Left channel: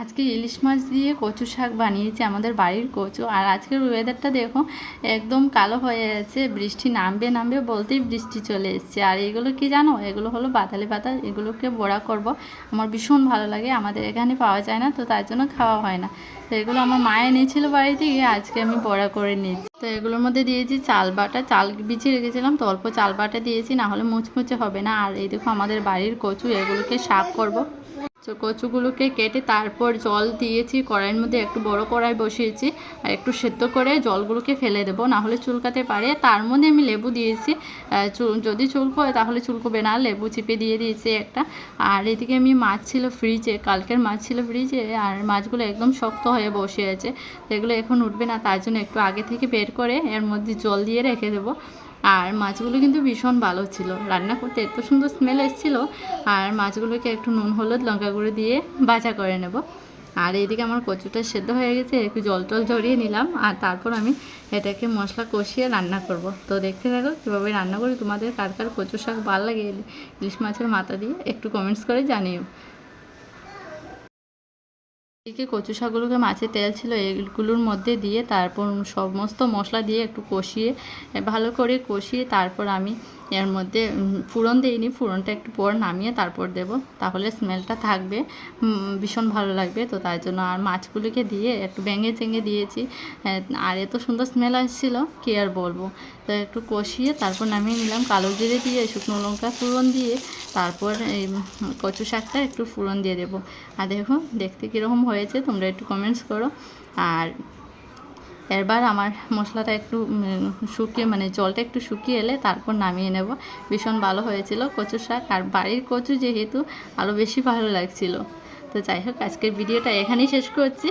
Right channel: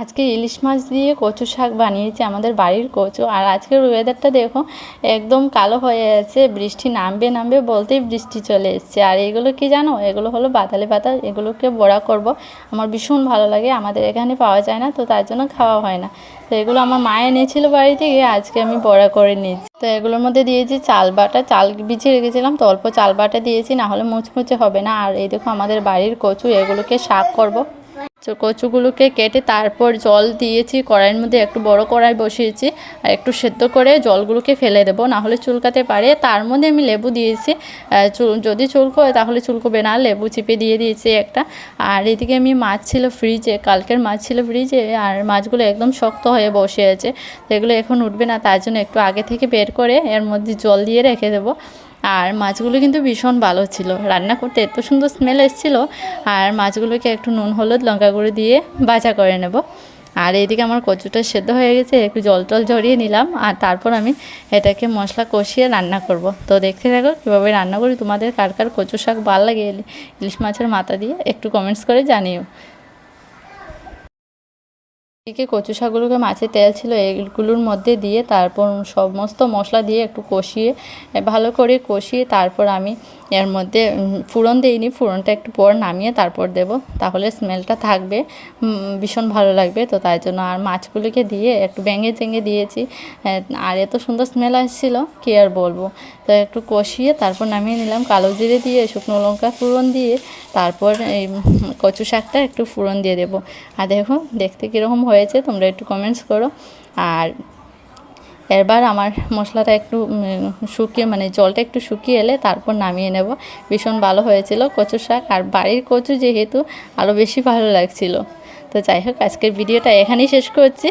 আজকে ইলিশ মাছ দিয়ে কচু শাক বানিয়েছি, আমাদের বাড়ির কচু। আর আজকের ওয়েদারটা দেখো, একদম কালো হয়ে আছে, বৃষ্টি নামবে নামবে বলতেই বৃষ্টি চলে এসছে। আর এগুলো কি জানো, এগুলো হলো বাতালি পাতা, এগুলোকে বড়া করব। আমার ভীষণ ভালো লাগে, আমাদের এখানে পাওয়া যায় না, তো তার জন্য খাওয়া হয় না। তো এগুলো আমার মা এনেছিল বাড়ি থেকে, আজকে আমি বড়া করে নিয়েছি। তো এগুলোর মধ্যে দিয়েছি চাল বাটা, চাল ভিজিয়ে রেখেছিলাম, তো অল্প চাল বাটা দিয়েছি, না হলে মুচমুচে হবে না। আর এই দেখো আমাদের বাড়ির কচু, এগুলোকে শাক করব। তো কচুগুলোকে কেটে তারপর জল দিয়েছি, কড়াইয়ের মধ্যে একটু বড় কড়াই বসিয়েছি, আর একটু সেদ্ধ করে জলগুলোকে ফেলে দেবো, না হলে চুলকাতে পারে। তার মধ্যে আমি লেবু দিয়েছি, যদি চুলকোয় তাহলে চুলকোবে না, লেবু চিপে দিয়ে দিয়েছি একটা। আর এদিকে আমি মাছ ছিল ফ্রিজে, কালকের মাছ ছিল ফ্রিজে, আর মাছগুলো একদম শক্ত হয়ে বসে আছে, তো এগুলো এখন উঠবে না, তার জন্য একটু আগে থেকে বের করে এর মধ্যে জল দিয়ে রেখে দেবো। আর মাছগুলো কিন্তু ভীষণ ভালো ছিল, রান্না করতে এত সুন্দর স্মেল এসেছিলো। আর মাছগুলোকে একটু নুন হলুদ লঙ্কা গুঁড়ো দিয়ে ভাজা করে নেব। আর এইদিকে আমার কচুটা সেদ্ধ হয়ে গেছে, একটু জল টল ঝরিয়ে নিলাম, আর তারপর আমি এটাকে মশলা কষিয়ে রান্না করব। তো দেখতে থাকো কীভাবে রান্না করি। তোমাদের কার কার কচু শাক ভালো লাগে ইলিশ মাছের মাথা দিয়ে, একটু কমেন্টস করে জানিও। এদিকে কচু শাকগুলোকে, মাছের তেল ছিল এইগুলোর মধ্যে দিয়ে, তারপর সমস্ত মশলা দিয়ে একটু কষিয়ে, ভালো করে কষিয়ে, তারপর আমি এর মধ্যে ফোড়ন দিইনি, ফোড়নটা একটু পর নামিয়ে তারপর দেব, তাহলে স্মেলটা থাকবে, ভীষণ ভালো লাগবে। তো তাই জন্য আর মাছগুলোকে দিয়ে একটু ভেঙে চেঙে দিয়েছি, আর এত সুন্দর স্মেল আসছিলো কী আর বলবো। তো একটু কষিয়ে তারপর নামিয়ে নিলাম, কালো জিরে দিয়ে শুকনো লঙ্কা ফোড়ন দিয়ে, তারপর এই কচু শাকটা একটু ফোড়ন দিয়ে দেবো। আর দেখো দেখতে কীরকম হয়েছে, তোমরা একটু কমেন্টস করো। আর এবার আমার মশলাটা একটু শুকিয়ে, মানে জলটা একটু শুকিয়ে এলে তারপর নামিয়ে নেব। ভীষণ ভালো হয়েছিল কচু শাক, আর বাড়ির কচু যেহেতু আরও বেশি ভালো লাগছিল। তো যাই হোক, আজকের ভিডিওটা এখানেই শেষ করছি।